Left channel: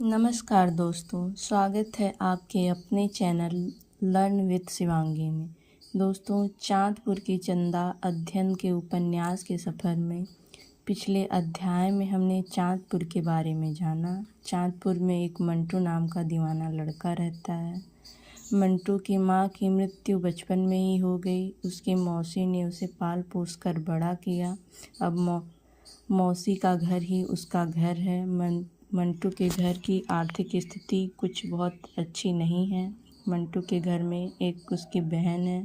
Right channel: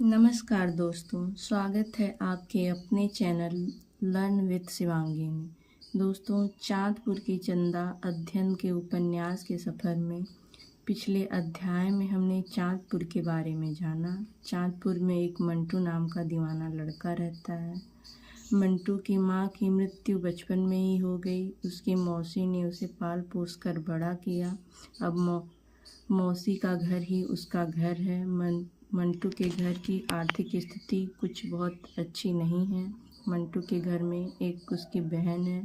नमस्कार दोस्तों, स्वागत है आपके अपने चैनल लर्न विद शिवांगी में। दोस्तों, चाँदपुर की चंदा अध्ययन के उपन्यास के सफ़र में पिछले अध्याय में हमने चाँदपुर के बारे में जाना। चाँदपुर में एक मंटू नाम का दीवाना लड़का रहता है। मंटू की माँ की मृत्यु बचपन में ही हो गई। उसकी मौसी ने उसे पाल पोस कर बड़ा किया। अब मौसी का घर ही उसका घर है। मंटू के घर की आर्थिक स्थिति कुछ बहुत अच्छी नहीं है। मंटू के घर में एक उसकी बहन है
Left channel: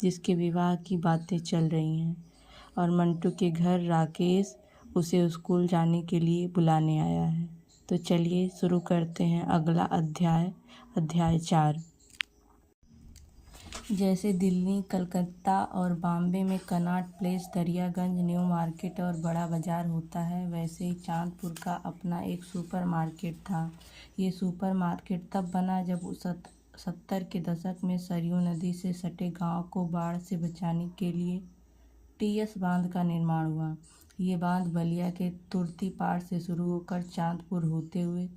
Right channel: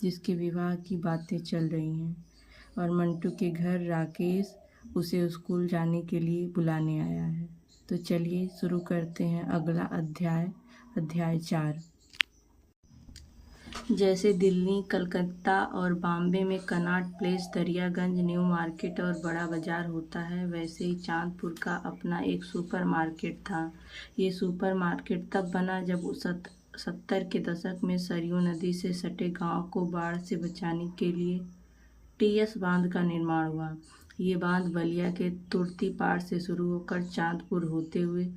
जिसके विवाह की बातें चल रही हैं और मंटू के घर राकेश उसे स्कूल जाने के लिए बुलाने आया है। तो चलिए शुरू करते हैं अगला अध्याय 4। जैसे दिल्ली, कलकत्ता और बॉम्बे में Connaught place, Daryaganj, new market और बड़ा बाज़ार होता है, वैसे ही चाँदपुर का अपना एक सुपर मार्केट था। ये सुपर मार्केट तब बना जब 70 के दशक में सरयू नदी से सटे गांव को बाढ़ से बचाने के लिए टीएस बांध का निर्माण हुआ। ये बांध बलिया के तुर्तीपाड़ से शुरू होकर चाँदपुर होते हुए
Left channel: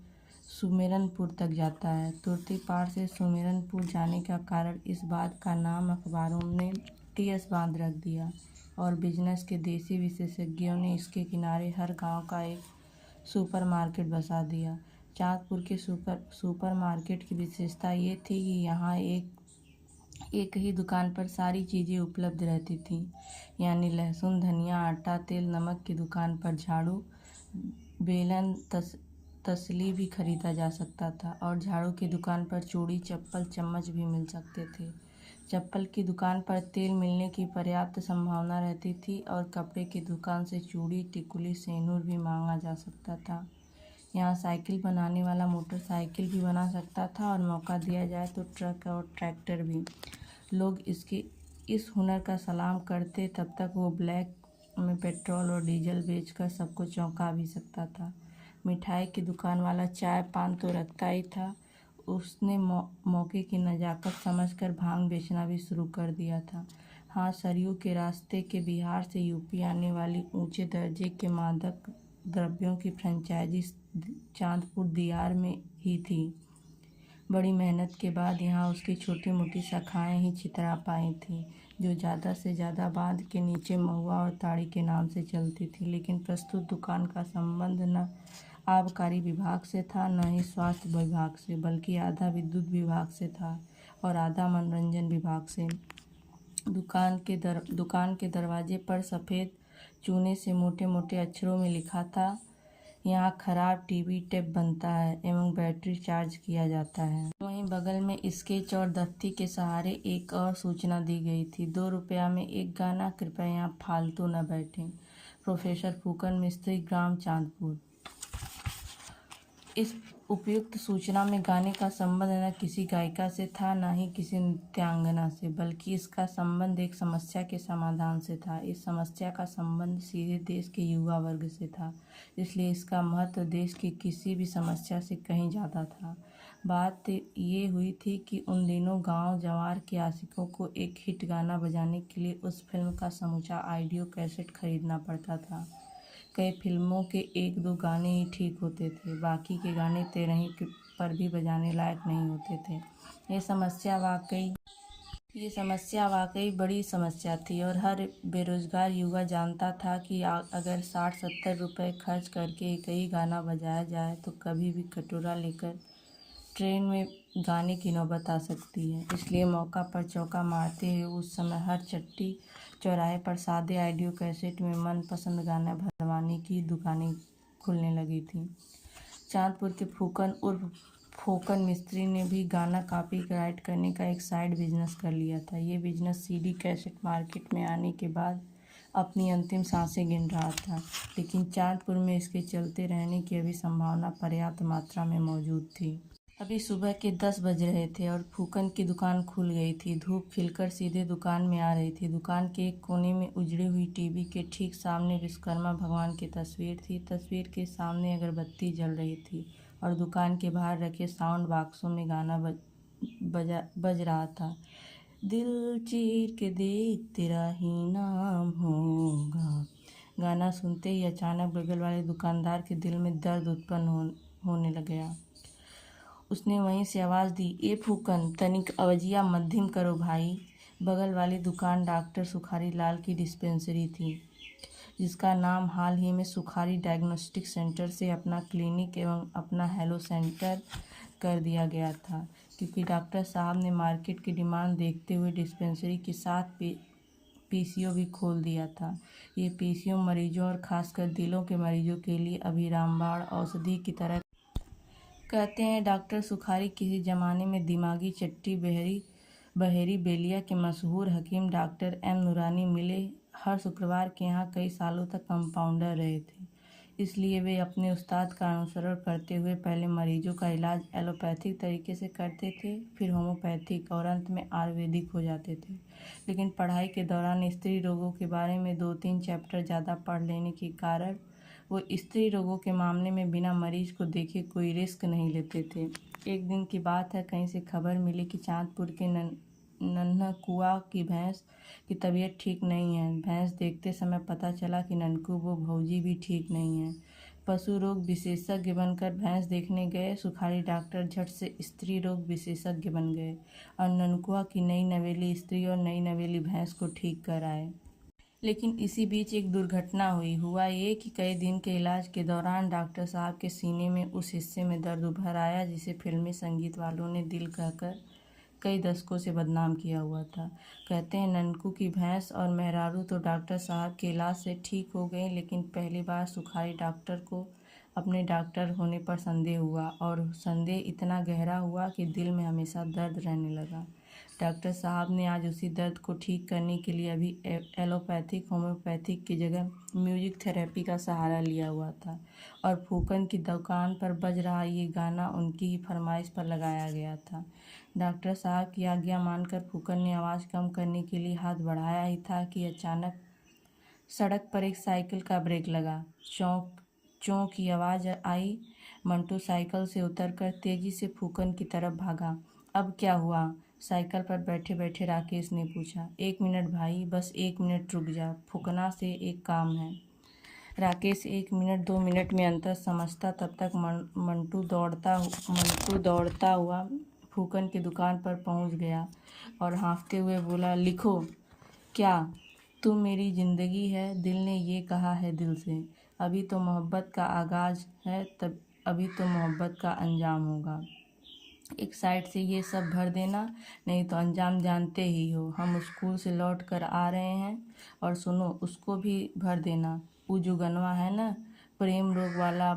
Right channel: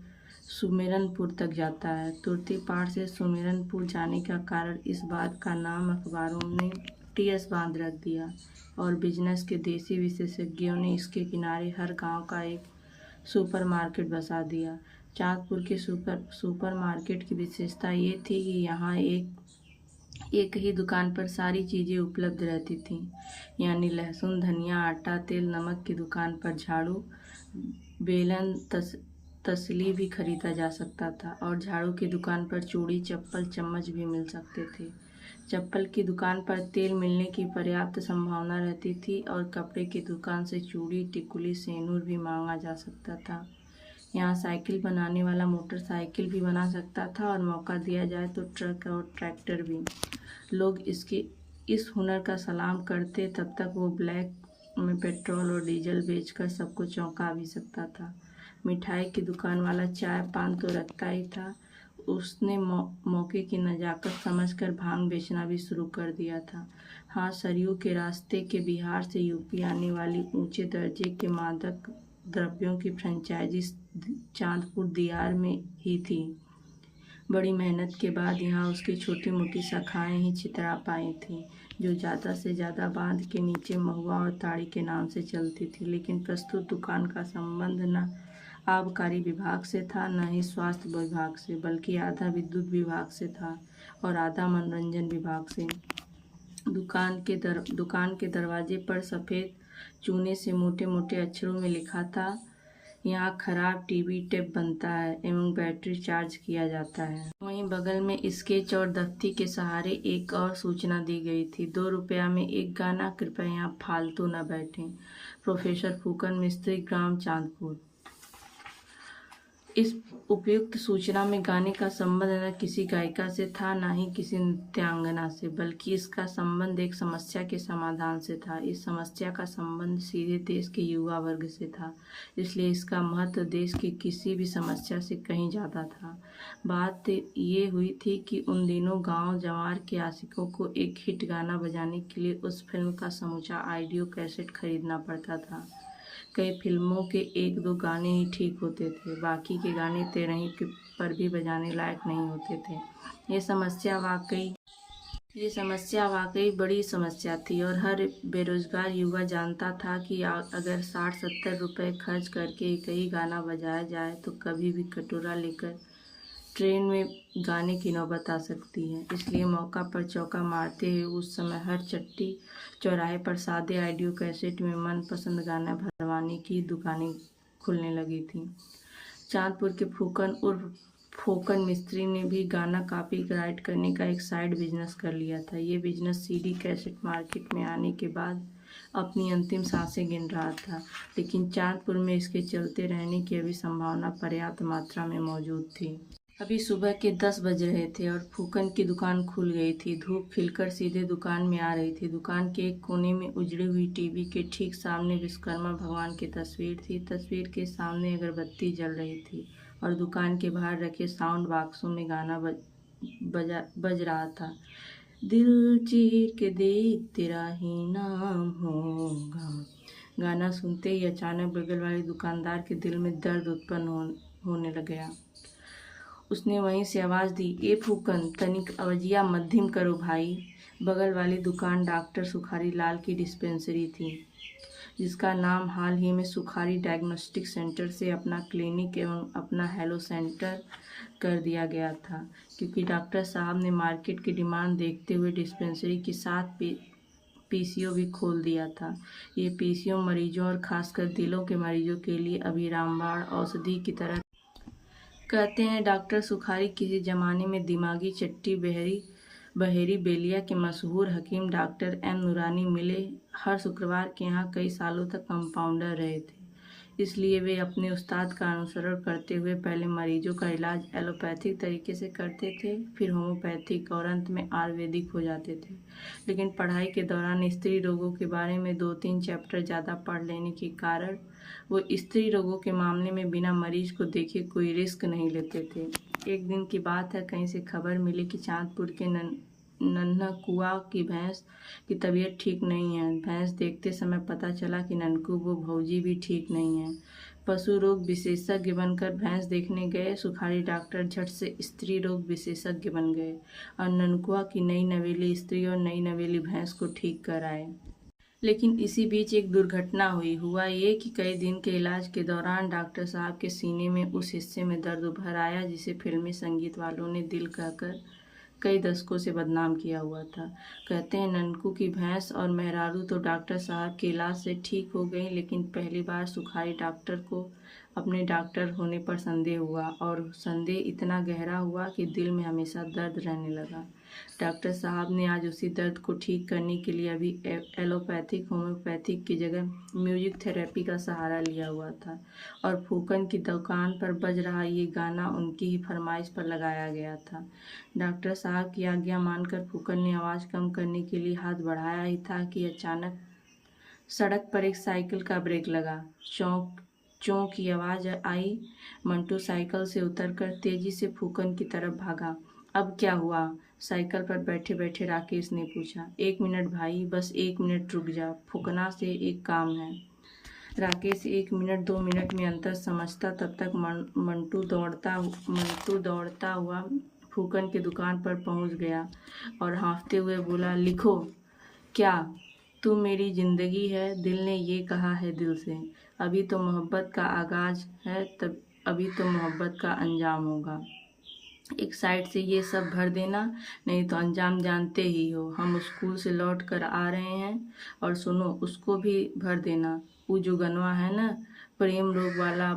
सुमेरनपुर तक जाता है। तुर्तीपाड़ से सुमेरनपुर जाने का कारण इस बात का नाम अखबारों ने टीएस बांध रख दिया और बिजनेस के देसी विशेषज्ञों ने इसके किनारे हर गांव का एक सुपर मार्केट बसा दिया। चाँदपुर के सुपर मार्केट की विशेषता ये थी कि यहाँ एक ही दुकान पर सारी चीज़ें उपलब्ध रहती थीं, यानी लहसुन, धनिया, आटा, तेल, नमक की दुकान पर झाड़ू, बेलन, तसली भी खरीदा जा सकता था और झाड़ू की दुकान पर चूड़ी, चप्पल, चम्मच भी मिल सकते थे। चप्पल की दुकान पर तेल मिलने की पर्याप्त संभावना रहती थी और कपड़े की दुकान से चूड़ी, टिकुली, सेनूर भी मांगा जा सकता था। यहाँ साइकिल बनाने वाला मोटरसाइकिल भी बना सकता था और मौका दिया जाए तो ट्रक और ट्रैक्टर भी। लोग इस हुनर का सलाम करते, तब तक वो ब्लैक में पेट्रोल और डीजल बेचकर सबको चौंका भी सकता था। मिठाई की दुकान वाला चाय पान तो रखता ही था, उसने मौके की नज़ाकत समझकर भांग बेचना भी शुरू कर दिया था। हाँ, सरयू के रास्ते के बिहार से यूपी आने वाली ऊंचे दर्जे के मादक द्रव्यों की फ्रेंचाइजी चाँदपुर दियार में ही थी। बड़ी मेहनत के बाद यहाँ उसकी छोटी मोटी शाखाएं ही छितरा पाई थीं, जो ज़्यादा से ज़्यादा बांध के नीचे महुआ और ताड़ी के नाम से चलती थी। लेकिन प्रस्तुत दुकान का संबंध न आबकारी विभाग से था, न ही स्वास्थ्य विभाग से, बल्कि आधा विद्युत विभाग से था और आधा मनोरंजन विभाग से। दुकान के दरवाजे पर सफ़ेद चूने से मोटे मोटे अक्षरों में लिखा था, यहाँ खराब टीवी टेप बनता है एवं बैटरी चार्ज किया जाता है। वहीं बगल में स्केच और दफ्ती के सहारे एक और सूचना दी गई थी, 2 रुपया में एक गाना, कृपया यहाँ फालतू न बैठें। प्रोफेसर फूकन मिस्त्री, ग्राम चाँदपुर। इस उपयुक्त सूचना में गाने का संबंध न किसी गायिका से था, न ही किसी नृत्यांगना से, बल्कि इसका संबंध एक समस्या के समाधान से था। इस समस्या का संबंध सीधे देश के युवा वर्ग से था, इसलिए इसका महत्व देश की किसी भी समस्या से कहीं ज़्यादा था। बात ये हुई थी कि उन दिनों गांव जवार के आशिकों को एक हिट गाना बजाने के लिए उस फिल्म का समूचा ऑडियो कैसेट खरीदना पड़ता था। कई फिल्मों के 1-2 गाने ही ठीक होते थे, बाकी के गाने तेरही पर भी बजाने लायक नहीं होते थे। ये समस्या वाकई बड़ी समस्या थी और हर बेरोजगार युवा जानता था कि अगर 60-70 रुपये खर्च करके एक ही गाना बजाया जाए तो कभी भी कटोरा लेकर ट्रेन में गाने की नौबत आ सकती है। इसलिए मौका पर चौका मारते हुए उस समय हर चट्टी चौराहे पर सादे ऑडियो कैसेट में मनपसंद गाना भरवाने की दुकानें खुलने लगी थीं। चाँदपुर के फूकन उर्फ फोकन मिस्त्री ने भी गाना कॉपीराइट करने का एक साइड बिजनेस कर लिया था। ये बिजनेस सीडी कैसेट मार्केट में आने के बाद अपनी अंतिम सांसें गिन रहा था, लेकिन चाँदपुर में इसके चलते रहने की अभी संभावना पर्याप्त मात्रा में मौजूद थी। अभी सुबह के 10 बज रहे थे और फूकन की दुकान खुल गई थी। धूप खिलकर सीधे दुकान में आ रही थी। दुकान के एक कोने में उजड़ी हुई टीवी के ठीक सामने विश्वकर्मा भगवान की तस्वीर थी। तस्वीर के सामने अगरबत्ती जल रही थी और दुकान के बाहर रखे साउंड बॉक्सों में गाना बज रहा था। दिल चीर के देख तेरा ही नाम होगा। गाना सुनते ही अचानक बगल वाले दुकानदार के दिल में दर्द उत्पन्न होने लग गया। उसने वहीं से आवाज़ दी, ए फूकन, तनिक अवजिया मध्यम करो भाई। बगल वाली दुकान डॉक्टर सुखारी लाल की डिस्पेंसरी थी, जिसका नाम हाल ही में सुखारी डायग्नोस्टिक सेंटर से अपना क्लिनिक एवं अपना हेलो सेंटर कर दिया गया था, क्योंकि डॉक्टर साहब ने मार्केट की डिमांड देखते हुए डिस्पेंसरी के साथ पीसीओ भी खोल दिया था। ये पीसीओ मरीजों और खासकर दिलों के मरीजों के लिए अभी रामबाण औषधि की तरह। कहते हैं डॉक्टर सुखारी किसी ज़माने में दिमागी चट्टी बहेरी बेलिया के मशहूर हकीम डॉक्टर एम नूरानी मिले हर शुक्रवार के यहाँ कई सालों तक कंपाउंडर रहे थे। इसलिए वे अपने उस्ताद का अनुसरण करते हुए पहले मरीजों का इलाज एलोपैथिक तरीके से करते थे, फिर होम्योपैथिक और अंत में आयुर्वेदिक हो जाते थे। लेकिन पढ़ाई के दौरान स्त्री रोगों के बारे में 2-3 चैप्टर ज़्यादा पढ़ लेने के कारण वो स्त्री रोगों के मामले में बिना मरीज को देखे कोई रिस्क नहीं लेते थे। एक दिन की बात है, कहीं से खबर मिली कि चांदपुर के नन्हा कुआ की भैंस की तबीयत ठीक नहीं है। भैंस देखते समय पता चला कि ननकू वो भौजी भी ठीक नहीं है। पशु रोग विशेषज्ञ बनकर भैंस देखने गए सुखारी डॉक्टर झट से स्त्री रोग विशेषज्ञ बन गए और ननकुआ की नई नवेली स्त्री और नई नवेली भैंस को ठीक कर आए। लेकिन इसी बीच एक दुर्घटना हुआ ये कि कई दिन के इलाज के दौरान डॉक्टर साहब के सीने में उस हिस्से में दर्द उभर आया जिसे फिल्मी संगीत वालों ने दिल कहकर कई दशकों से बदनाम किया हुआ था। कहते हैं ननकू की भैंस और मेहरारू तो डॉक्टर साहब के इलाज से ठीक हो गई, लेकिन पहली बार सुखारी डॉक्टर को अपने डॉक्टर होने पर संदेह हुआ, और संदेह इतना गहरा हुआ कि दिल में हमेशा दर्द रहने लगा। डॉक्टर साहब ने आज उसी दर्द को ठीक करने के लिए अभी एलोपैथिक होम्योपैथिक की जगह म्यूजिक थेरेपी का सहारा लिया हुआ था, और फूकन की दुकान पर बज रहा ये गाना उनकी ही फरमाइश पर लगाया गया था। डॉक्टर साहब की आज्ञा मानकर फूकन ने आवाज़ कम करने के लिए हाथ बढ़ाया ही था कि अचानक सड़क पर एक साइकिल का ब्रेक लगा। चौं की आवाज़ आई। मंटू साइकिल से उतरकर तेजी से फूकन की तरफ भागा। अब क्या हुआ? साइकिल पर बैठे बैठे राकेश ने पूछा। 1 मिनट भाई, बस 1 मिनट रुक जा, फूकना से एक काम है। राकेश 1 मिनट 2 मिनट में अंतर समझता, तब तक मंटू दौड़ता हुआ फूकन की दुकान पर पहुंच गया और हाँफते हुए बोला, लिखो। क्या? तू मेरी ज़िंदगी है, दिल ने ये कहा है दिल से। अभी तो मोहब्बत का आगाज़ है, तब अभी तो मोहब्बत का अंजाम होगा। एक साइड से ये सब भर देना, नहीं तो अंजाम जानते ही हो। हम स्कूल से लौट कर आ रहे हैं, और सुनो, उसको भी भर देना। वो जो गनवा है ना, प्रेम रोग वाला,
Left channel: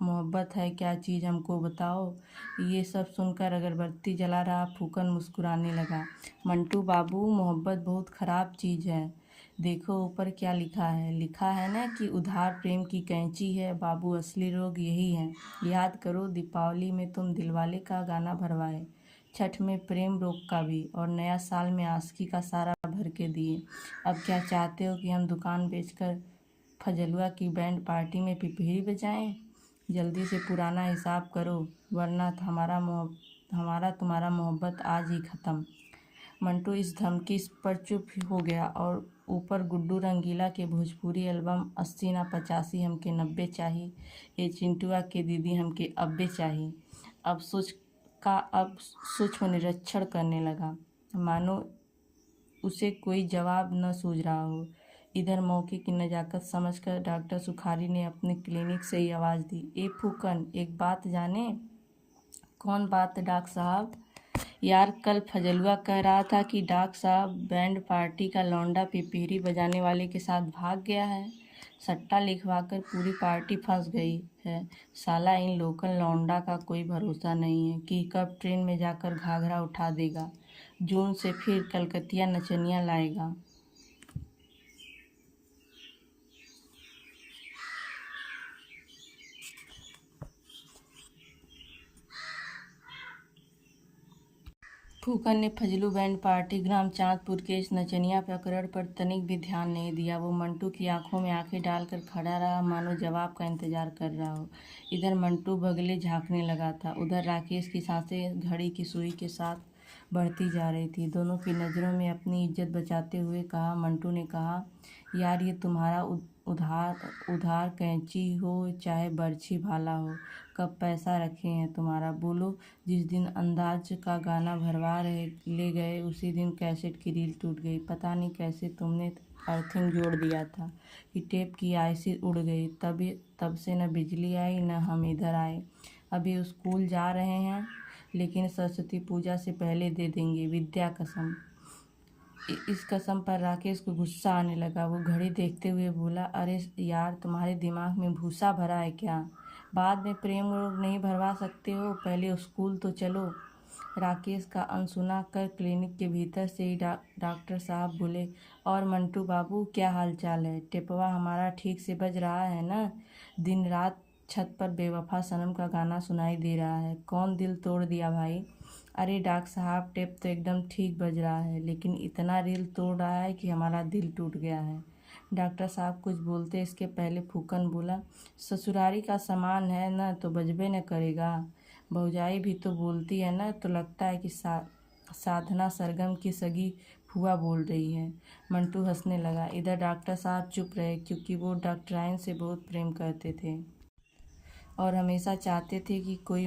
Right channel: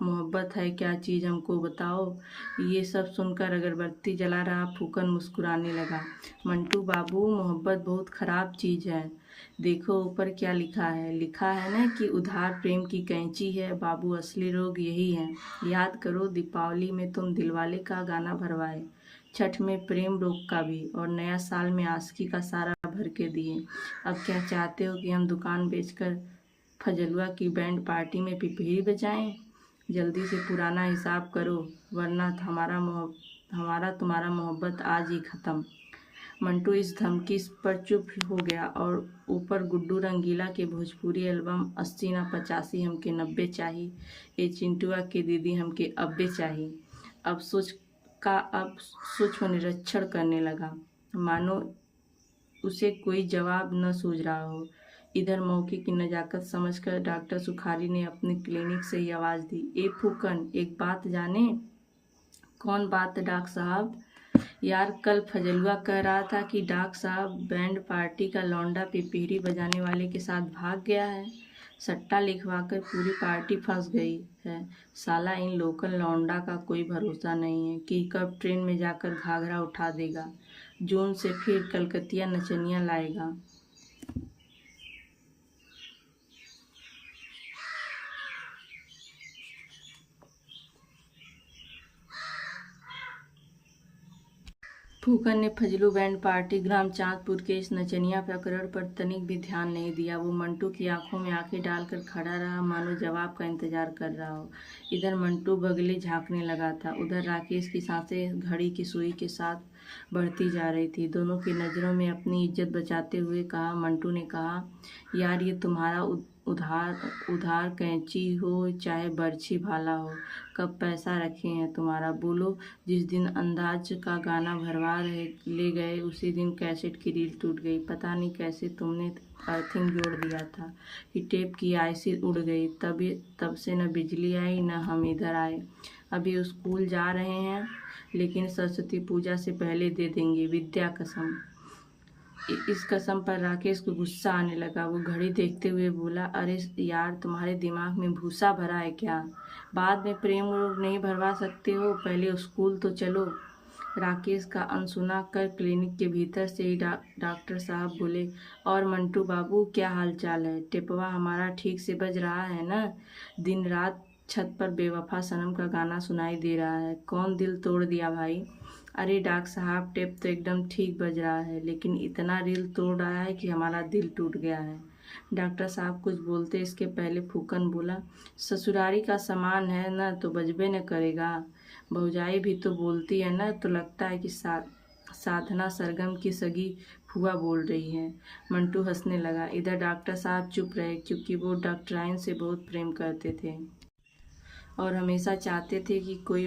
मोहब्बत है क्या चीज़ हमको बताओ। ये सब सुनकर अगरबत्ती जला रहा फूकन मुस्कुराने लगा। मंटू बाबू, मोहब्बत बहुत ख़राब चीज़ है। देखो ऊपर क्या लिखा है ना कि उधार प्रेम की कैंची है बाबू, असली रोग यही है। याद करो, दीपावली में तुम दिलवाले का गाना भरवाए, छठ में प्रेम रोग का भी, और नया साल में आशिकी का सारा भर के दिए। अब क्या चाहते हो कि हम दुकान बेचकर फजलुआ की बैंड पार्टी में पिपहिरी बजाएं? जल्दी से पुराना हिसाब करो, वरना हमारा तुम्हारा मोहब्बत आज ही ख़त्म। मंटू इस धमकी पर चुप हो गया, और ऊपर गुड्डू रंगीला के भोजपुरी एल्बम 80 ना 85 हमके 90 चाहिए, ये चिंटुआ के दीदी हमके अब्बे चाहिए। अब सूक्ष्म निरीक्षण करने लगा, मानो उसे कोई जवाब न सूझ रहा हो। इधर मौके की नज़ाकत समझकर डॉक्टर सुखारी ने अपने क्लिनिक से ही आवाज़ दी, ए फूकन, एक बात जाने? कौन बात डॉक्टर साहब? यार, कल फजलुआ कह रहा था कि डॉक्टर साहब बैंड पार्टी का लौंडा पिपीरी बजाने वाले के साथ भाग गया है। सट्टा लिखवाकर पूरी पार्टी फंस गई है। साला इन लोकल लौंडा का कोई भरोसा नहीं है कि कब ट्रेन में जाकर घाघरा उठा देगा, जून से फिर कलकतिया नचनिया लाएगा। फूकन ने फजलू बैंड पार्टी ग्राम चांदपुर के इस नचनिया प्रकरण पर तनिक भी ध्यान नहीं दिया। वो मंटू की आंखों में आंखें डालकर खड़ा रहा, मानो जवाब का इंतजार कर रहा हो। इधर मंटू बगले झांकने लगा था, उधर राकेश की सांसें घड़ी की सुई के साथ बढ़ती जा रही थी। दोनों की नज़रों में अपनी इज्जत बचाते हुए कहा, मंटू ने कहा, यार ये तुम्हारा उधार उधार कैंची हो चाहे बर्छी भाला हो, कब पैसा रखे हैं तुम्हारा, बोलो। जिस दिन अंदाज का गाना भरवा रहे ले गए उसी दिन कैसेट की रील टूट गई। पता नहीं कैसे तुमने अर्थिंग जोड़ दिया था कि टेप की आईसी उड़ गई। तब से न बिजली आई न हम इधर आए। अभी स्कूल जा रहे हैं लेकिन सरस्वती पूजा से पहले दे देंगे, विद्या कसम। इस कसम पर राकेश को गुस्सा आने लगा। वो घड़ी देखते हुए बोला, अरे यार, तुम्हारे दिमाग में भूसा भरा है क्या? बाद में प्रेम रोग नहीं भरवा सकते हो, पहले स्कूल तो चलो। राकेश का अनसुना कर क्लिनिक के भीतर से ही डॉक्टर साहब बोले, और मंटू बाबू क्या हाल चाल है? टेपवा हमारा ठीक से बज रहा है ना? दिन रात छत पर बेवफा सनम का गाना सुनाई दे रहा है। कौन दिल तोड़ दिया भाई? अरे डॉक्टर साहब, टेप तो एकदम ठीक बज रहा है, लेकिन इतना रील तोड़ रहा है कि हमारा दिल टूट गया है। डॉक्टर साहब कुछ बोलते इसके पहले फूकन बोला, ससुरारी का सामान है ना तो बजबे न करेगा। भौजाई भी तो बोलती है ना, तो लगता है कि साधना सरगम की सगी फुआ बोल रही है। मंटू हंसने लगा। इधर डॉक्टर साहब चुप रहे, क्योंकि वो डॉक्टराइन से बहुत प्रेम करते थे और हमेशा चाहते थे कि कोई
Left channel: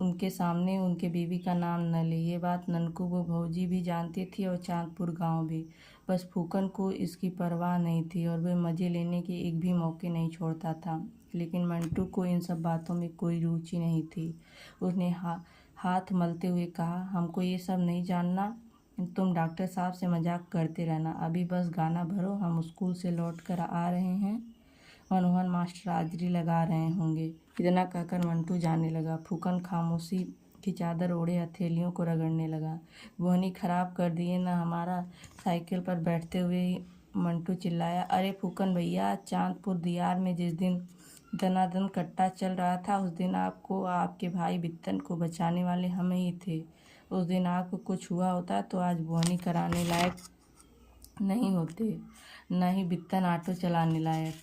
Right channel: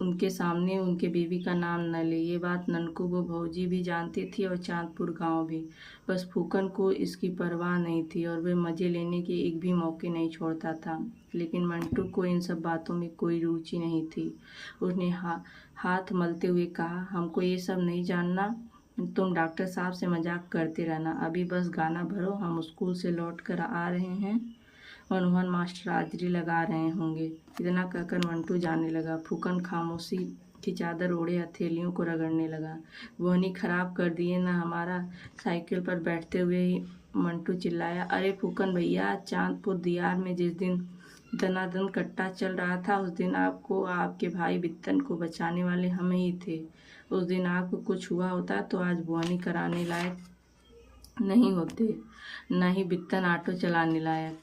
उनके सामने उनके बीवी का नाम न ले। ये बात ननकू वो भौजी भी जानती थी और चांदपुर गांव भी। बस फूकन को इसकी परवाह नहीं थी और वह मज़े लेने के एक भी मौके नहीं छोड़ता था। लेकिन मंटू को इन सब बातों में कोई रुचि नहीं थी। उसने हाथ मलते हुए कहा, हमको ये सब नहीं जानना। तुम डॉक्टर साहब से मजाक करते रहना। अभी बस गाना भरो, हम स्कूल से लौट कर आ रहे हैं। मनोहर मास्टर हाजिरी लगा रहे होंगे। इतना कहकर मंटू जाने लगा। फूकन खामोशी की चादर ओढ़े हथेलियों को रगड़ने लगा। बोहनी खराब कर दिए ना हमारा। साइकिल पर बैठते हुए ही मंटू चिल्लाया, अरे फूकन भैया, चांदपुर दियार में जिस दिन दनादन कट्टा चल रहा था उस दिन आपको आपके भाई बित्तन को बचाने वाले हम ही थे। उस दिन आपको कुछ हुआ होता तो आज बोहनी कराने लायक नहीं होते, न ही बित्तन ऑटो चलाने लायक।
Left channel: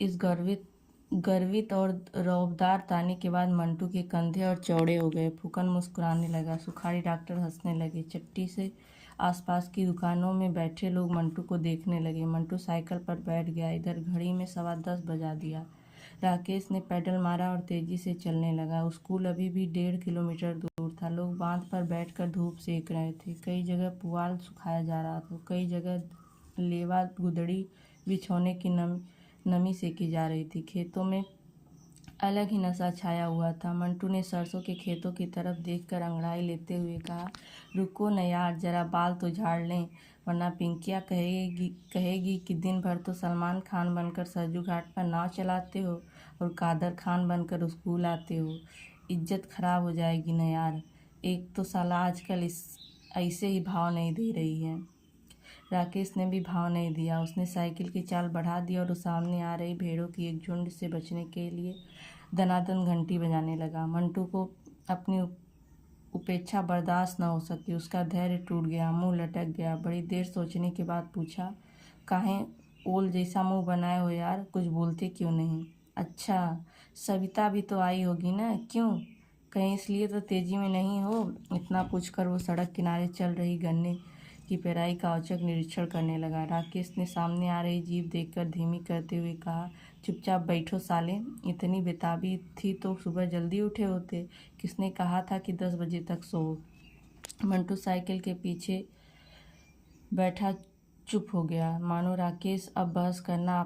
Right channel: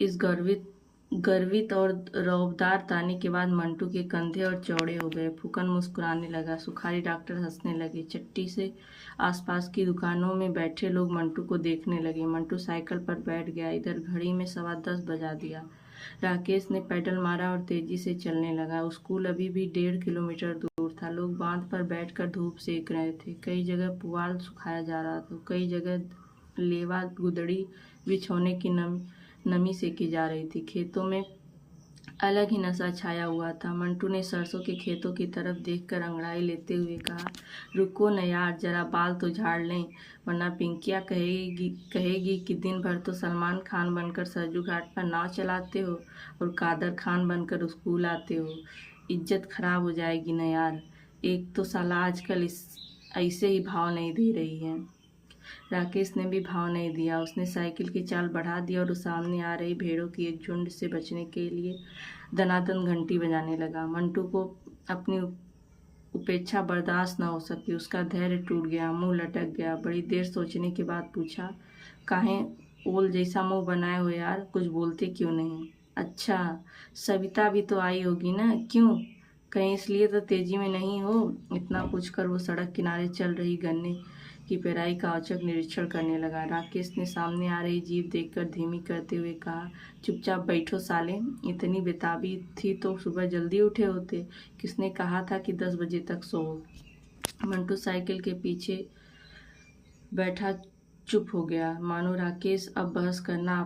इस गर्वित और रौबदार ताने के बाद मंटू के कंधे और चौड़े हो गए। फूकन मुस्कुराने लगा। सुखारी डॉक्टर हंसने लगे। चट्टी से आसपास की दुकानों में बैठे लोग मंटू को देखने लगे। मंटू साइकिल पर बैठ गया। इधर घड़ी में 10:15 बजा दिया। राकेश ने पैडल मारा और तेजी से चलने लगा। स्कूल अभी भी 1.5 किलोमीटर दूर था। लोग बांध पर बैठकर धूप सेक रहे थे। कई जगह पुआल सुखाया जा रहा था, कई जगह लेवा गुदड़ी बिछौने की नमी सेकी जा रही थी। खेतों में अलग ही नशा छाया हुआ था। मंटू ने सरसों के खेतों की तरफ देखकर अंगड़ाई लेते हुए कहा, रुको न यार, जरा बाल तो झाड़ लें, वरना पिंकिया कहेगी कि दिन भर तो सलमान खान बनकर सरजू घाट पर नाव चलाते हो और कादर खान बनकर स्कूल आते हो। इज्जत खराब हो जाएगी न यार। एक तो साला आजकल ऐसे ही भाव नहीं दे रही है। राकेश ने भी भाव नहीं दिया। उसने साइकिल की चाल बढ़ा दी और सामने आ रही भेड़ों की एक झुंड से बचने के लिए दनादन घंटी बजाने लगा। मंटू को अपनी उपेक्षा बर्दाश्त न हो सकी। उसका धैर्य टूट गया, मुंह लटक गया। बड़ी देर सोचने के बाद पूछा, काहे ओल जैसा मुंह बनाए हो यार, कुछ बोलते क्यों नहीं? अच्छा, सविता भी तो आई होगी ना, क्यों? कहीं इसलिए तो तेजी में नहीं हो? इतना पूछकर वो सड़क किनारे चल रही गन्ने की पेराई का औचक निरीक्षण करने लगा। राकेश ने सामने आ रही जीप देखकर धीमी करते हुए कहा, चुपचाप बैठो साले, इतनी बेताबी थी तो सुबह जल्दी उठे होते। किसने कहा था कि 10 बजे तक सो? मंटू साइकिल के पीछे बैठा चुप हो गया, मानो राकेश अब बहस करना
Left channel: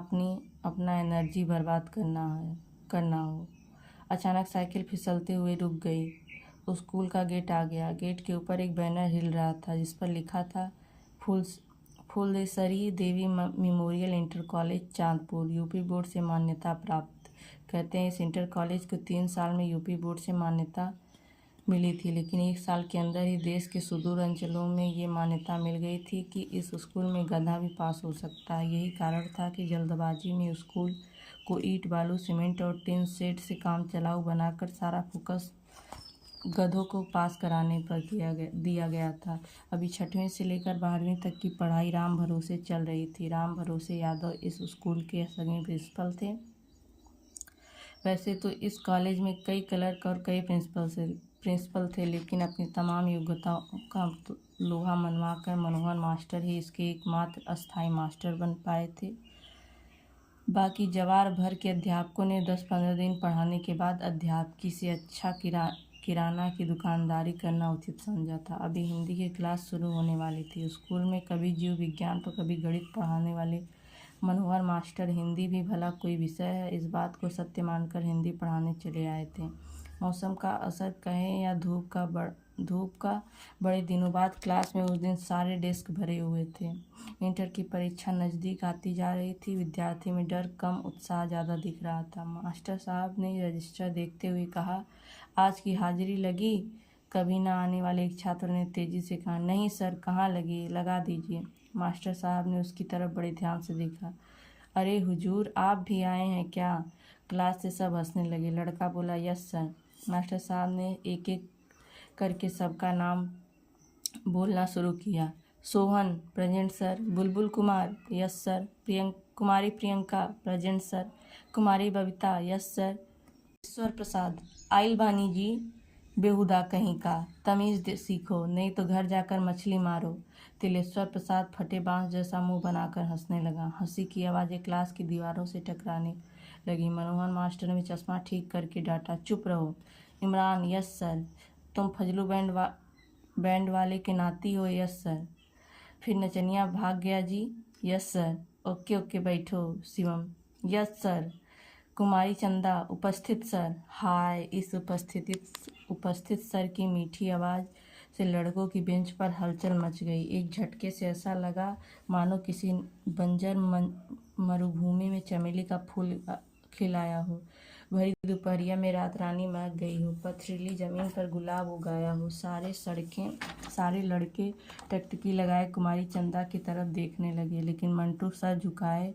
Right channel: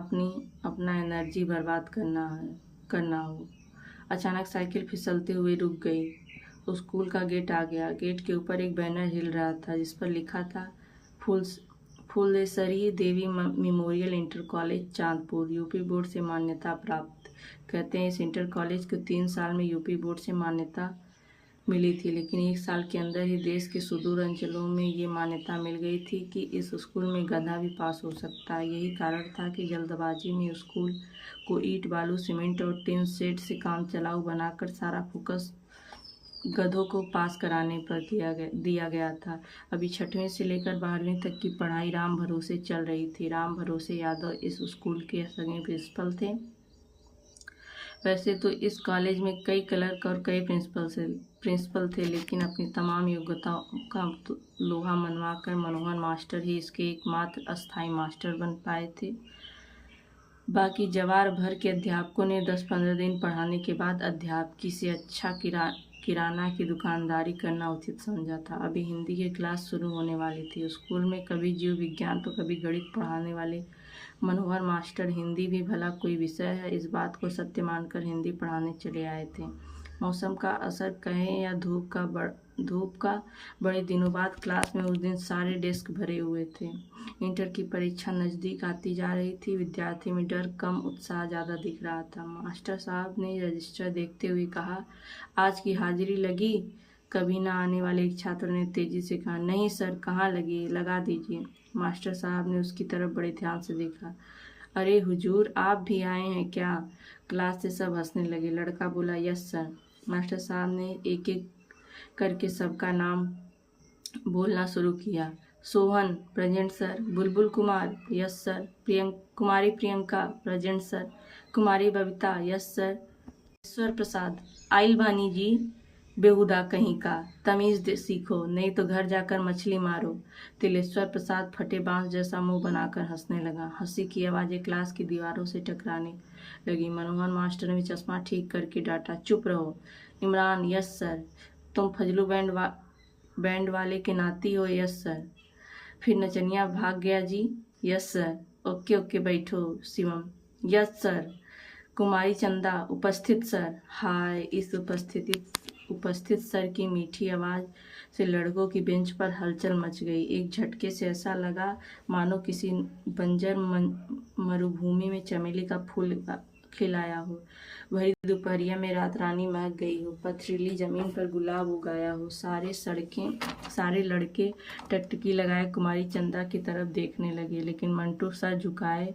अपना एनर्जी बर्बाद करना हो। अचानक साइकिल फिसलते हुए रुक गई। स्कूल का गेट आ गया। गेट के ऊपर एक बैनर हिल रहा था जिस पर लिखा था, Phulesari Devi memorial inter college Chandpur, UP board से मान्यता प्राप्त। कहते हैं इस इंटर कॉलेज को 3 साल में यूपी बोर्ड से मान्यता मिली थी, लेकिन 1 साल के अंदर ही देश के सुदूर अंचलों में ये मान्यता मिल गई थी कि इस स्कूल में गधा भी पास हो सकता है। यही कारण था कि जल्दबाजी में स्कूल को ईंट बालू सीमेंट और टिन शेड से काम चलाऊ बनाकर सारा फोकस गधों को पास कराने पर दिया गया था। अभी 6वीं से लेकर 12वीं तक की पढ़ाई राम भरोसे चल रही थी। राम भरोसे यादव इस स्कूल के सगे प्रिंसिपल थे। वैसे तो इस कॉलेज में कई क्लर्क और कई प्रिंसिपल थे, लेकिन अपनी तमाम योग्यताओं का लोहा मनवाकर मनोहर मास्टर ही इसके एकमात्र अस्थायी मास्टर बन पाए थे। बाकी जवार भर के अध्यापकों ने 10-15 दिन पढ़ाने के बाद अध्यापकी से अच्छा किराना की दुकानदारी करना उचित समझा था। अभी हिंदी की क्लास शुरू होने वाली थी। स्कूल में कभी जीव विज्ञान तो कभी गणित पढ़ाने वाले मनोहर मास्टर हिंदी भी भला कोई विषय है, इस बात को सत्य मानकर हिंदी पढ़ाने चले आए थे। मौसम का असर कहें या धूप का बड़े दिनों बाद क्लास में उस दिन सारे डेस्क भरे हुए थे। इंटर की परीक्षा नज़दीक आती जा रही थी। विद्यार्थी में डर कम, उत्साह ज़्यादा दिख रहा था। मास्टर साहब ने रजिस्टर देखते हुए कहा, आज की हाजिरी लगी? कभी ना आने वाले एक छात्र ने तेजी से कहा, नहीं सर, कहाँ लगी, लगा दीजिए। मास्टर साहब ने उसकी तरफ बड़े ध्यान से देखा। अरे हुजूर, आप भी आए हैं क्या? क्लास से सब हंसने लगे। लड़का बोला, यस सर। मास्टर साहब ने एक एक करके सबका नाम बोलना शुरू किया। Sohan, present sir. बुलबुल कुमार, यस सर। कुमारी प्रियंका, प्रेजेंट सर। कुमारी बबीता, यस सर। ईश्वर प्रसाद, आइल बानी जी। बेहुदा कहीं का, तमीज सीखो, नहीं तो घर जाकर मछली मारो। तिलेश्वर प्रसाद फटे बांस जैसा मुंह बनाकर हंसने लगा। हंसी की आवाज़ें क्लास की दीवारों से टकराने लगी। मनोहर मास्टर ने चश्मा ठीक करके डांटा, चुप रहो। Imran, yes sir. तुम फजलू बैंड वाले के नाती हो? Yes sir. फिर नचनिया भाग गया जी? Yes sir. ओके ओके, बैठो। Shivam, yes sir. कुमारी चंदा, उपस्थित सर। हाय। इस उपस्थित सर की मीठी आवाज़ से लड़कों की बेंच पर हलचल मच गई। एक झटके से ऐसा लगा मानो किसी बंजर मरुभूमि में चमेली का फूल खिलाया हो। भरी दोपहरिया में रात रानी महक गई हो। पथरीली जमीन पर गुलाब उगाया हो। सारे लड़के टकटकी लगाए कुमारी चंदा की तरफ देखने लगे, लेकिन मंटू सर झुकाए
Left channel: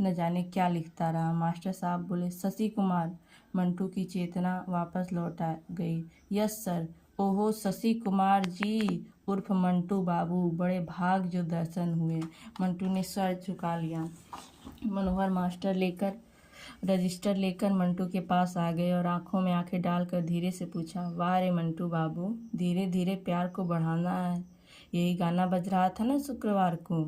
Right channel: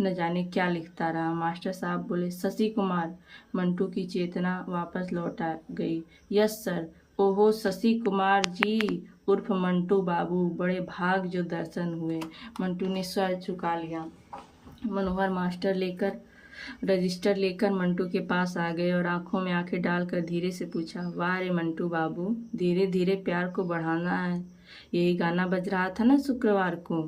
न जाने क्या लिखता रहा। मास्टर साहब बोले, शशि कुमार। मंटू की चेतना वापस लौट आ गई। Yes sir. ओहो, शशि कुमार जी उर्फ मंटू बाबू, बड़े भाग जो दर्शन हुए। मंटू ने सर झुका लिया। मनोहर मास्टर रजिस्टर लेकर मंटू के पास आ गए और आंखों में आंखें डालकर धीरे से पूछा, वाह रे मंटू बाबू, धीरे धीरे प्यार को बढ़ाना है। यही गाना बज रहा था ना शुक्रवार को?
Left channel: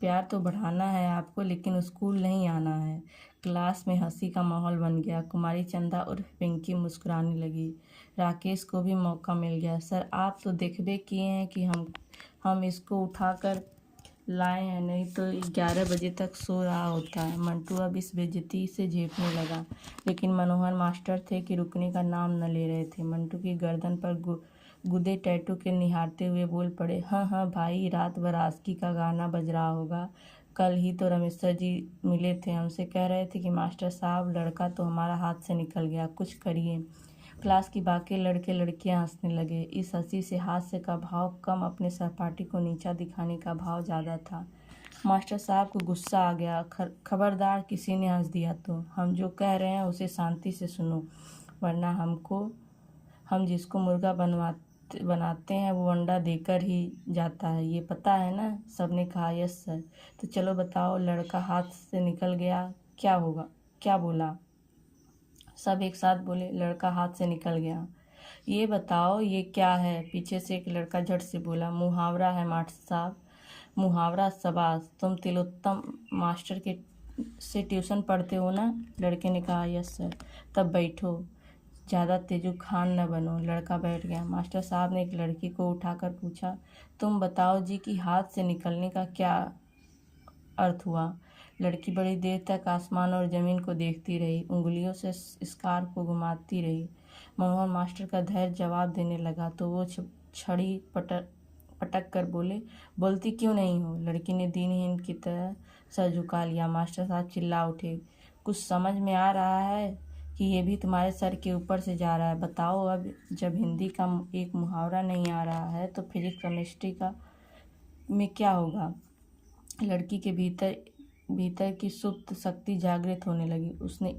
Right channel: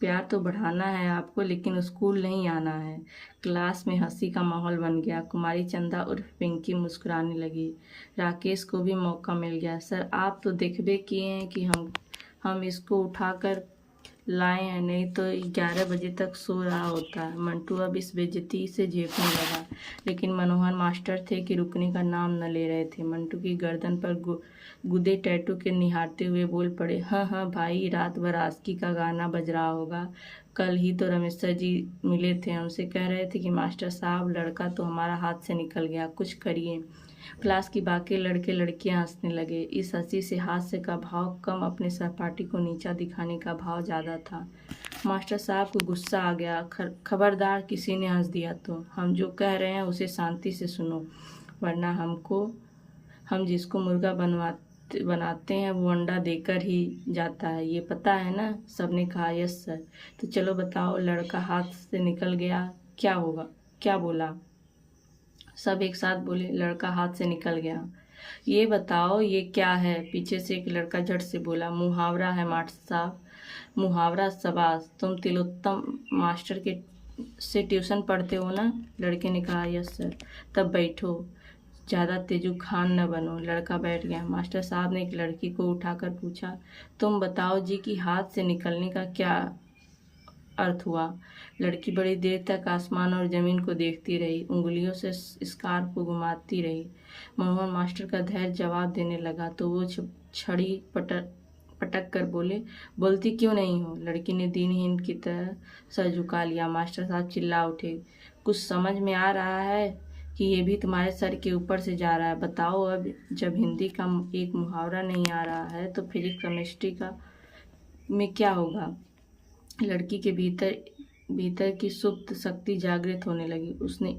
प्यार तो बढ़ाना है आपको, लेकिन स्कूल नहीं आना है। क्लास में हंसी का माहौल बन गया। कुमारी चंदा उर्फ पिंकी मुस्कुराने लगी। राकेश को भी मौका मिल गया। सर, आप तो देखबे किए हैं कि हम इसको उठाकर लाए हैं, नहीं तो 11 बजे तक सो रहा होता है। मंटू अब इस बेइज्जती से झेपने लगा, लेकिन मनोहर मास्टर थे कि रुकने का नाम न ले रहे थे। मंटू की गर्दन पर गुदे टैटू के निहारते हुए बोल पड़े, हाँ हाँ भाई, रात भर आस्की का गाना बज रहा होगा। कल ही तो रमेश्वर जी मिले थे, हमसे कह रहे थे कि मास्टर साहब, लड़का तो हमारा हाथ से निकल गया, कुछ करिए। क्लास की बाकी लड़के लड़कियां हंसने लगे। इस हंसी से हास्य का भाव कम, अपने सहपाठी को नीचा दिखाने का भाव ज़्यादा था। मास्टर साहब को गुस्सा आ गया। खबरदार, किसी ने हंस दिया तो हम जो कह रहे हैं उसे शांति से सुनो, वरना हम जिसको मुर्गा बनाते हैं वो अंडा देकर ही जाता है, ये पता है ना? सबने कहा, यस सर। तो चलो बताओ, लड़का हाथ से निकल गया, क्या होगा? क्या बोला? सब एक साथ बोले, लड़का हाथ से निकल गया। ये बताओ, ये क्या है? पीछे से एक लड़का झट से बोला, मुहावरा है मास्टर साहब। मुहावरा? शाबाश। तुम तिलोत्तम मास्टर के से ट्यूशन पढ़ते हो ना? लड़के ने कहा, यस सर। तब बैठो, ज़्यादा तेजू खान न बनो। लड़का बैठ गया। मास्टर साहब ने एक लड़की को उठाकर पूछा, तुम बताओ जी कि हाथ से निकलने का क्या अर्थ हुआ? लड़की बड़ी देर तक आसमान और ज़मीन को देखती रही, उंगलियों से स्कार्फ को घुमाती रही। मनोहर मास्टर का धैर्य जवाब देने लगा तो वो छड़ी पटक कर बोले, बोलती क्यों नहीं हो? लड़की ने दीनहीन की तरह सर झुका लिया। मास्टर साहब चिल्ला उठे, कुछ समझ में आ रहा है कि ये भी तुम्हारे सर के ऊपर से जा रहा है? बताओ, अब जब हिंदी का एक मुहावरा नहीं आ रहा है तो फिजिक्स केमिस्ट्री का में क्या होगा? लड़की के भीतर की सुप्त शक्ति जागृत होने लगी। उसने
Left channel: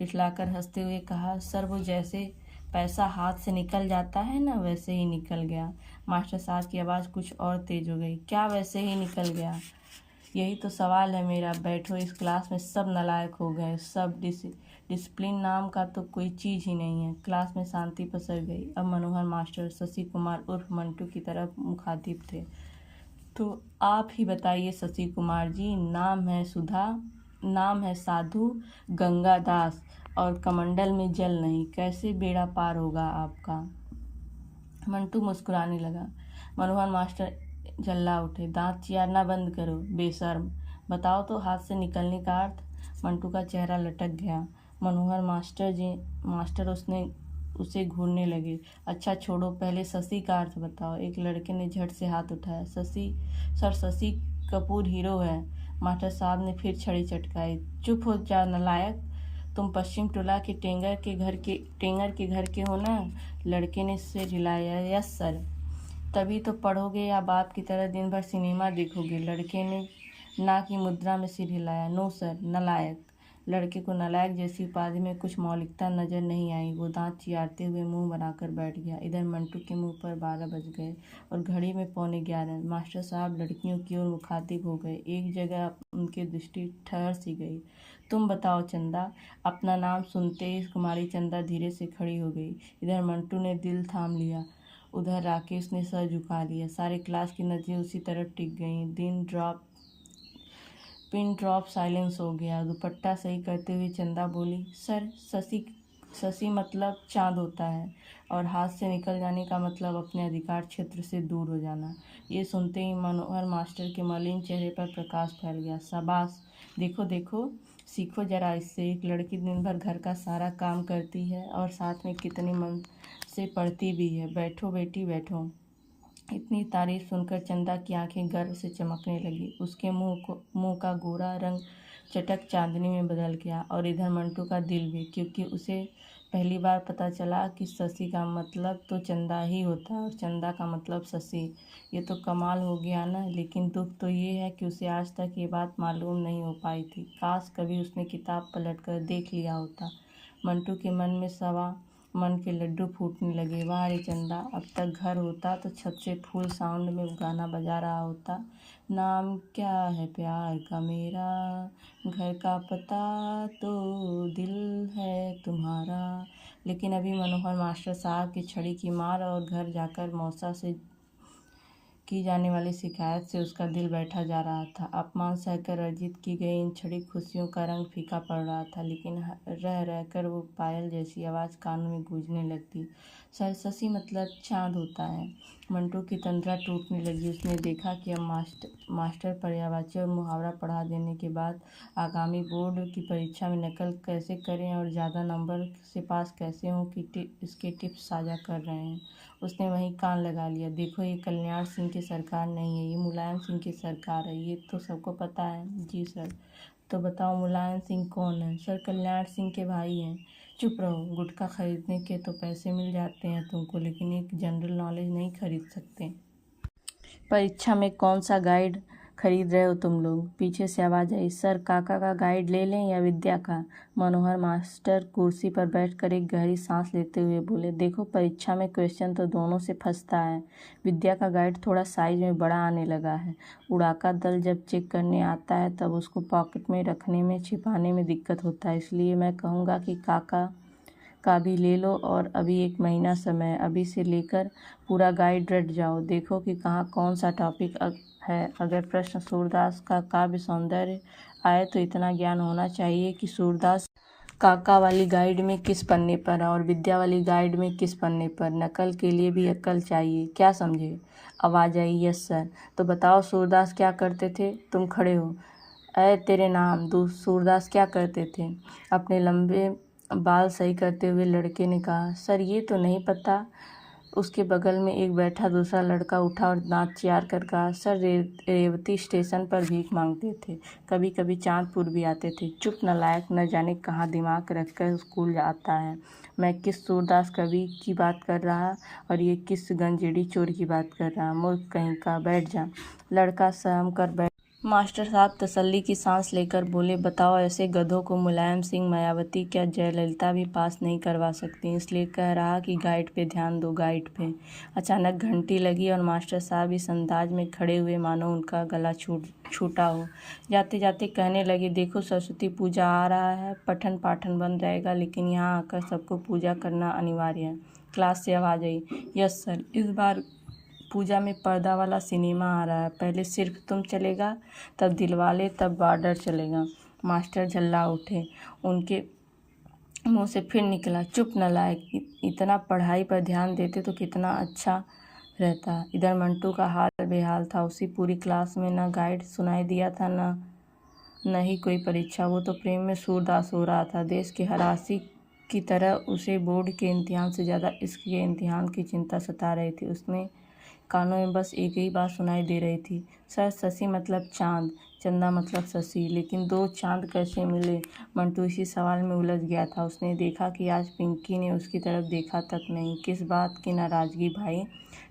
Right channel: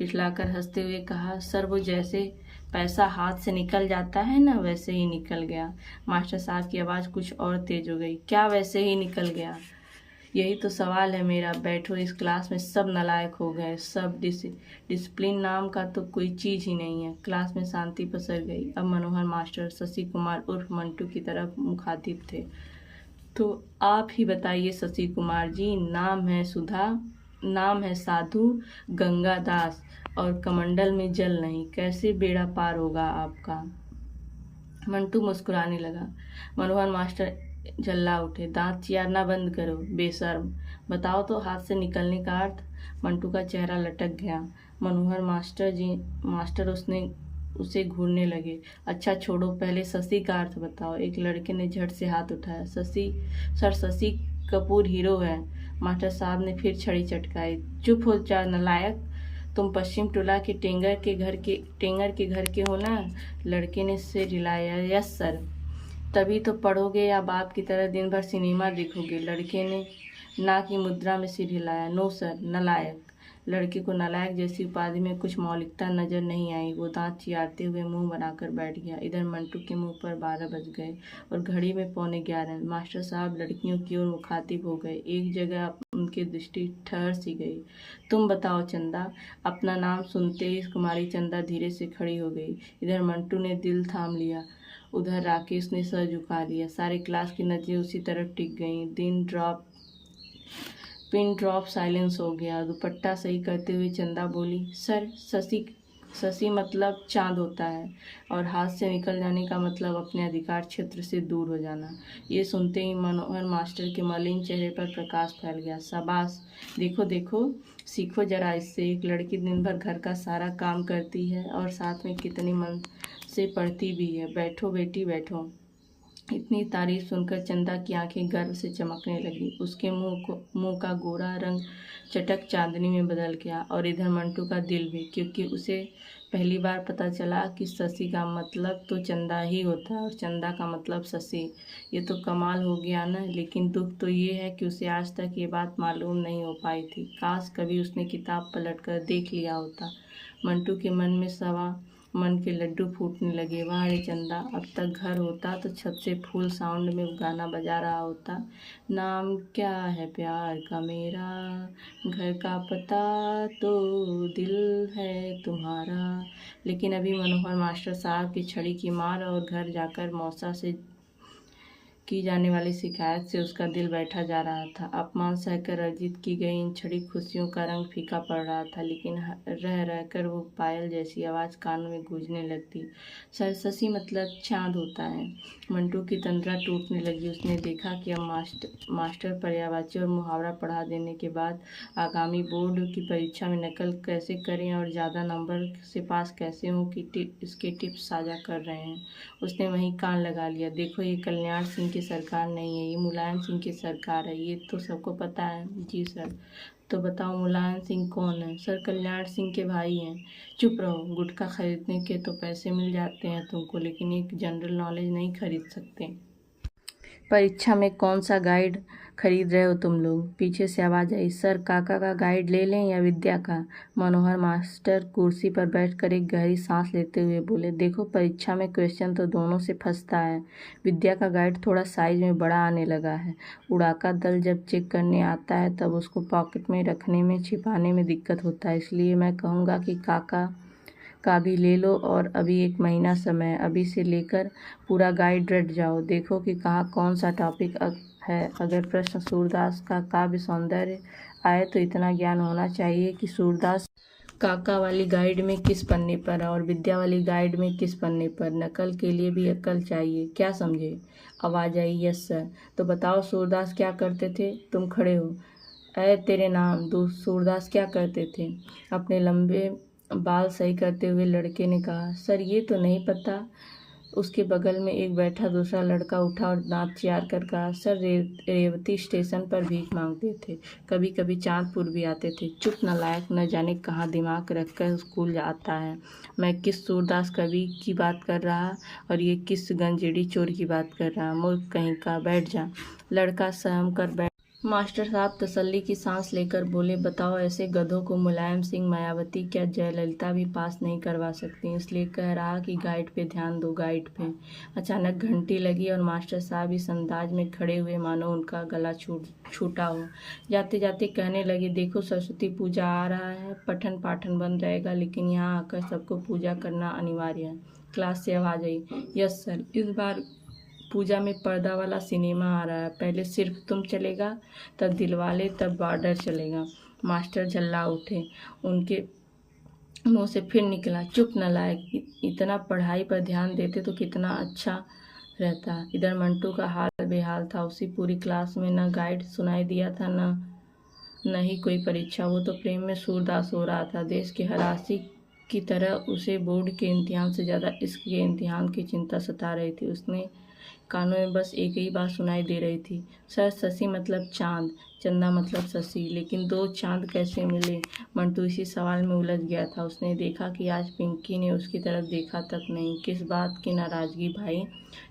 इठलाकर हंसते हुए कहा, सर, वो जैसे पैसा हाथ से निकल जाता है ना, वैसे ही निकल गया। मास्टर साहब की आवाज़ कुछ और तेज हो गई, क्या वैसे ही निकल गया? यही तो सवाल है मेरा। बैठो, इस क्लास में सब नालायक हो गए। सब डिसिप्लिन नाम का तो कोई चीज़ ही नहीं है। क्लास में शांति पसर गई। अब मनोहर मास्टर शशि कुमार उर्फ मंटू की तरफ मुखातिब थे। तो आप ही बताइए शशि कुमार जी, नाम है सुधा, नाम है साधु गंगा दास और कमंडल में जल नहीं, कैसे बेड़ा पार होगा आपका। मंटू मुस्कुराने लगा। मनोहर मास्टर झल्ला उठे। दांत चियारना बंद करो बेशर्म, बताओ तो हाथ से निकलने का अर्थ। मंटू का चेहरा लटक गया। मनोहर मास्टर उसे घूरने लगे। अच्छा छोड़ो, पहले शशि का अर्थ बताओ। एक लड़के ने झट से हाथ उठाया। शशि कपूर हीरो है। मास्टर साहब ने फिर छड़ी चटकाई। चुप हो जा नलायक, तुम पश्चिम टोला के टेंगर के घर के हो ना। लड़के ने सिर हिलाया। Yes sir. तभी तो पढ़ोगे या बाप की तरह दिन भर सिनेमा देखोगे। लड़के ने ना की मुद्रा में सिर हिलाया। नो सर, नलायक। लड़के को नलायक जैसी उपाधि में कुछ मौलिकता नजर नहीं आई। वो दांत चियारते हुए मुंह बनाकर बैठ गया। इधर मंटू के मुंह पर 12 बज गए और घड़ी में 11:15। मास्टर साहब लड़कियों की ओर मुखातिब हो गए। एक जगह उनकी दृष्टि ठहर सी गई। तुम बताओ चंदा। अपना नाम सुनते ही कुमारी चंदा धीरे से खड़ी हो गई। इधर मंटू ने दिल थाम लिया, उधर राकेश ने सर झुका लिया। सारे क्लास की नजरें उसी तरफ टिक गईं। पिन ड्रॉप साइलेंस हो गया। दुपट्टा सही करते हुए चंदा बोली, सर शशि मतलब चांद होता है और हाथ से निकल जाने का मतलब अपने अधिकार क्षेत्र से दूर हो जाना। ये सुनते ही मनोहर मास्टर के मलिन चेहरे पर प्रकाश फैल गया। शाबाश, देखो देखो, सीखो जरा इससे। एक लड़की दिन भर घर का सारा काम करती है और साथ में कितनी मन से पढ़ती भी है। बैठो बेटी बैठो। इतनी तारीफ सुनकर चंदा की आंखें गर्व से चमकने लगी। उसके मुंह का गोरा रंग चटक चांदनी में बदल गया और इधर मंटू का दिल भी, क्योंकि उसे पहली बार पता चला कि शशि का मतलब तो चंदा ही होता है और चंदा का मतलब शशि। ये तो कमाल हो गया ना। लेकिन दुख तो ये है कि उसे आज तक ये बात मालूम नहीं हो पाई थी। काश कभी उसने किताब पलटकर देख लिया होता। मंटू के मन के लड्डू फूटने लगे। वाह रे चंदा, अब तक घर होता तो छत से फुल साउंड में गाना बजा रहा होता। नाम क्या है प्यार का मेरा, घर का पता तो दिल है तुम्हारा। लेकिन अभी मनोहर मास्टर साहब की छड़ी की मार और घर जाकर मौसा से की जाने वाली शिकायत से उसका दिल बैठा जा रहा था। अपमान सहकर अर्जित की गई इन छड़ी खुशियों का रंग फीका पड़ रहा था, लेकिन रह रहकर वो पायल जैसी आवाज़ कानों में गूंजने लगती। सर शशि मतलब चांद होता है। मंटू की तंद्रा टूटने लगी। उसने देखा कि अब मास्टर पर्यायवाची और मुहावरा पढ़ा देने के बाद आगामी बोर्ड की परीक्षा में नकल कैसे करें और ज़्यादा नंबर से पास कैसे हों कि इसके टिप्स साझा कर रहे हैं। उसने वहीं कान लगा लिया। देखो, ये कल्याण सिंह की सरकार नहीं है, ये मुलायम सिंह की सरकार है। ये तो सबको पता है। जी सर। तो बताओ मुलायम सिंह कौन है। सर कल्याण सिंह के भाई हैं। चुप रहो। गुटखा खरीदने के तो पैसे मिल जाते हैं तुमको, लेकिन एक जनरल नॉलेज नहीं खरीद सकते। परीक्षा में कौन सा गाइड खरीद रहे हो तुम लोग। पीछे से आवाज़ आई। सर काका का गाइड ले लें या विद्या का। मनोहर मास्टर कुर्सी पर बैठकर एक गहरी सांस लेते हुए बोले, देखो परीक्षा में क्वेश्चन तो दोनों से फंसता है। विद्या का गाइड थोड़ा साइज में बड़ा आने लगा है। उड़ाका दल जब चेक करने आता है तब उसको पॉकेट में रखने में छिपाने में दिक्कत होता है। इसलिए मैं कहूँगा कि काका का भी ले लो और अभी 1 महीना समय है। अभी से लेकर पूरा गाइड रट जाओ। देखो कि कहाँ कौन सा टॉपिक है। अगर प्रश्न सूरदास का काव्य सौंदर्य आए तो इतना ज्ञान होना चाहिए कि सूरदास काका वाली गाइड में किस पन्ने पर है और विद्या वाली गाइड में किस पन्ने पर। नकल के लिए भी अक्ल चाहिए, क्या समझे। आवाज़ आई। Yes sir. तो बताओ सूरदास क्या करते थे। तुम खड़े हो। ऐ तेरे नाम। सूरदास क्या करते थे। अपने लंबे बाल सही करते हुए लड़के ने कहा, सर ये तो नहीं पता। उसके बगल में एक बैठा दूसरा लड़का उठा और दांत चियार कर कहा, सर रेवती स्टेशन पर भीख मांगते थे, कभी कभी चांदपुर भी आते थे। चुप नलायक, न जाने कहाँ दिमाग रखकर स्कूल आता है। मैं किस सूरदास कवि की बात कर रहा और ये किस गंजेड़ी चोर की बात कर रहा। मूर्ख कहीं का, बैठ जा। लड़का सहम कर बैठ। मास्टर साहब तसल्ली की सांस लेकर बोले, बताओ ऐसे गधों को मुलायम सिंह, मायावती, क्या जयललिता भी पास नहीं करवा सकती। इसलिए कह रहा कि गाइड पे ध्यान दो, गाइड पे। अचानक घंटी लगी और मास्टर साहब इस अंदाज में खड़े हुए मानो उनका गला छूटा हो। जाते जाते कहने लगे, देखो सरस्वती पूजा आ रहा है, पठन पाठन बंद रहेगा, लेकिन यहाँ आकर सबको पूजा करना अनिवार्य है। क्लास से आवाज़ आई। Yes sir. इस बार पूजा में पर्दा वाला सिनेमा आ रहा है। पहले सिर्फ तुम चलेगा, तब दिलवाले, तब बॉर्डर चलेगा। मास्टर झल्ला उठे। उनके मुंह से फिर निकला, चुप नालायक, इतना पढ़ाई पर ध्यान देते तो कितना अच्छा रहता। इधर मंटू का हाल बेहाल था। उसी पूरी क्लास में न गाइड सुनाई दिया था, न ही कोई परीक्षा। वो तो प्रेम में सूरदास हो रहा था। देश के हरासी की तरह उसे बोर्ड के इम्तिहान से ज़्यादा इश्क के इम्तिहान की चिंता सता रही थी। उसने कानों में बस एक ही बात सुनाई दे रही थी, सर शशि मतलब चांद, चंदा मतलब शशि, लेकिन दो चांद कैसे मिले? मंटू इसी सवाल में उलझ गया था। उसने देखा कि आज पिंकी ने उसकी तरफ देखा तक नहीं। किस बात की नाराज़गी भाई?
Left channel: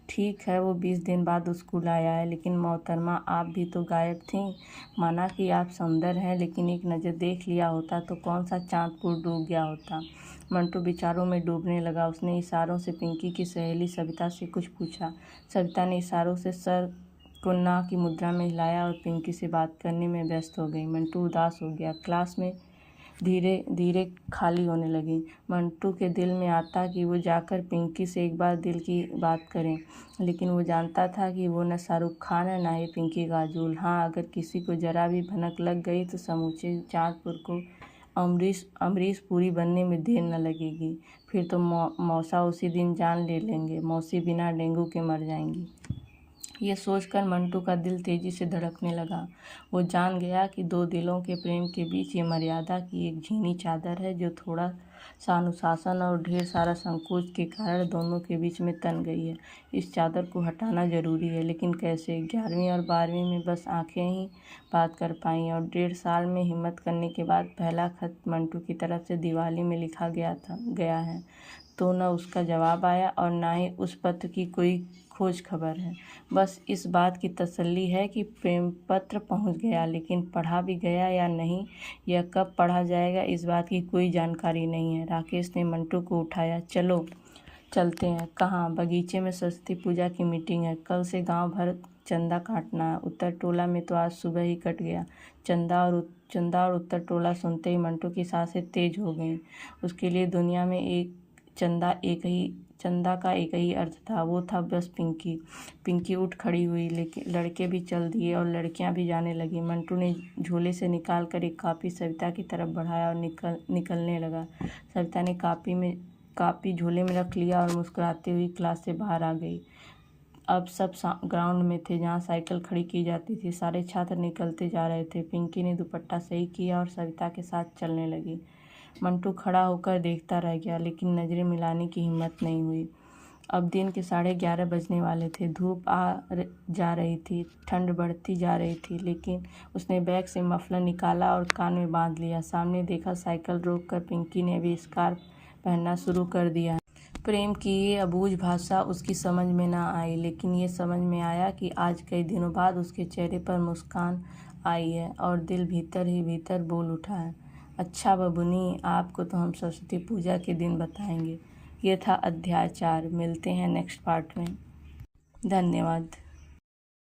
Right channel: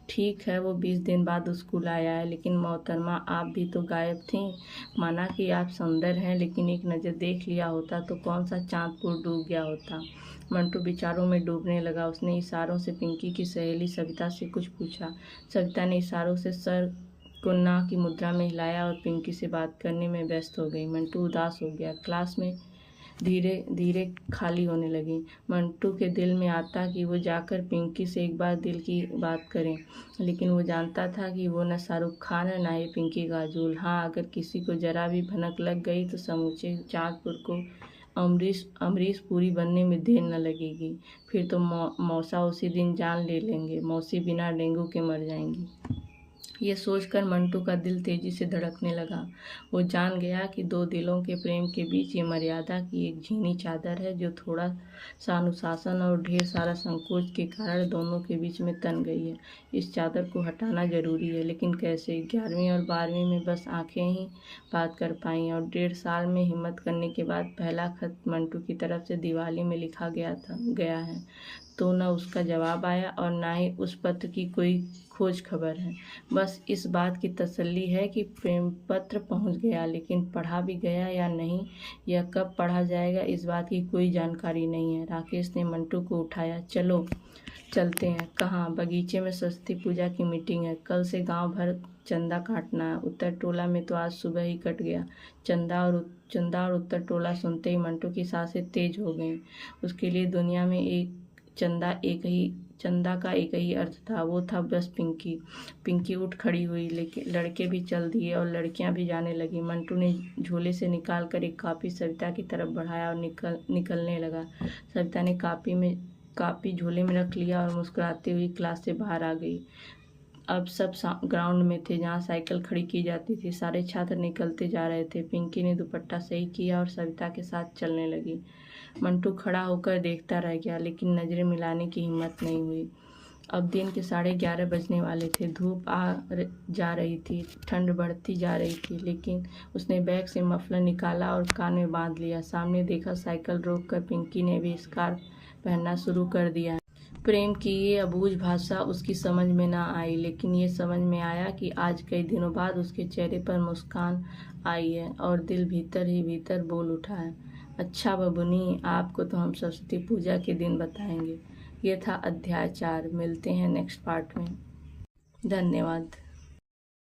ठीक है वो 20 दिन बाद स्कूल आया है, लेकिन मोहतरमा आप भी तो गायब थीं। माना कि आप सुंदर हैं, लेकिन एक नज़र देख लिया होता तो कौन सा चांदपुर डूब गया होता। मंटू विचारों में डूबने लगा। उसने इशारों से पिंकी की सहेली सविता से कुछ पूछा। सविता ने इशारों से सर को ना की मुद्रा में हिलाया और पिंकी से बात करने में व्यस्त हो गई। मंटू उदास हो गया। क्लास में धीरे धीरे खाली होने लगी। मंटू के दिल में आता कि वो जाकर पिंकी से एक बार दिल की बात करें, लेकिन वो जानता था कि वो न शाहरुख खान है, ना ही पिंकी काजोल। हाँ, अगर किसी को जरा भी भनक लग गई तो समूचे चांदपुर को अमरीश पुरी बनने में देर न लगेगी। फिर तो मौसा उसी दिन जान ले लेंगे। मौसी बिना डेंगू के मर जाएंगी। ये सोचकर मंटू का दिल तेजी से धड़कने लगा। वो जान गया कि दो दिलों के प्रेम के बीच ये मर्यादा की एक झीनी चादर है, जो थोड़ा सा अनुशासन और ढेर सारा संकोच के कारण दोनों के बीच में तन गई है। इस चादर को हटाना जरूरी है, लेकिन कैसे? 11वीं और 12वीं में बस आंखें ही बात कर पाई, और 1.5 साल में हिम्मत करने के बाद पहला खत मंटू की तरफ से दिवाली में लिखा गया है तो न उसका जवाब आया और ना ही उस पत्र की कोई खोज खबर है। बस इस बात की तसल्ली है कि प्रेम पत्र पहुंच गया, लेकिन पढ़ा भी गया या नहीं, यह कब पढ़ा जाएगा, इस बात की कोई जानकारी नहीं है। राकेश ने मंटू को उठाया। चलो चलते हैं। कहाँ? बगीचे में सरस्वती पूजा की मीटिंग है। कल से गांव भर चंदा काटना है। उत्तर टोला में तो आज सुबह ही कट गया। चंदा और उत्तर टोला सुनते ही मंटू की सांसें तेज हो गईं। उसके लिए दुनिया में चंदा का एक ही अर्थ था, वो था बस पिंकी। पिंकी उठ खड़ी हुई, लेकिन लड़के भी चल दिए और लड़कियां भी जाने लगी। मंटू ने झोले से निकाल कर एक कॉपी सविता की तरफ बढ़ाया और निकलने लगा। सविता ने कॉपी झोले में रख लिया और मुस्कुराती हुई क्लास से बाहर आ गई। अब सब ग्राउंड में थे, जहाँ साइकिल खड़ी की जाती थी। सारे छात्र निकलते जा रहे थे। पिंकी ने दुपट्टा सही किया और सविता के साथ चलने लगी। मंटू खड़ा होकर देखता रह गया, लेकिन नज़रें मिलाने की हिम्मत नहीं हुई। अब दिन के 11:30 बजने वाले थे। धूप जा रही थी, ठंड बढ़ती जा रही थी, लेकिन उसने बैग से मफलर निकाला और कान में बांध लिया। सामने देखा, साइकिल रोककर पिंकी ने भी स्कार्फ पहनना शुरू कर दिया। प्रेम की ये अबूझ भाषा उसकी समझ में न आई, लेकिन ये समझ में आया कि आज कई दिनों बाद उसके चेहरे पर मुस्कान आई है और दिल भीतर ही भीतर बोल उठा है, अच्छा बबुनी, आपको तो हम सरस्वती पूजा के दिन बताएंगे। ये था अध्याय 4। मिलते हैं नेक्स्ट पार्ट में। धन्यवाद।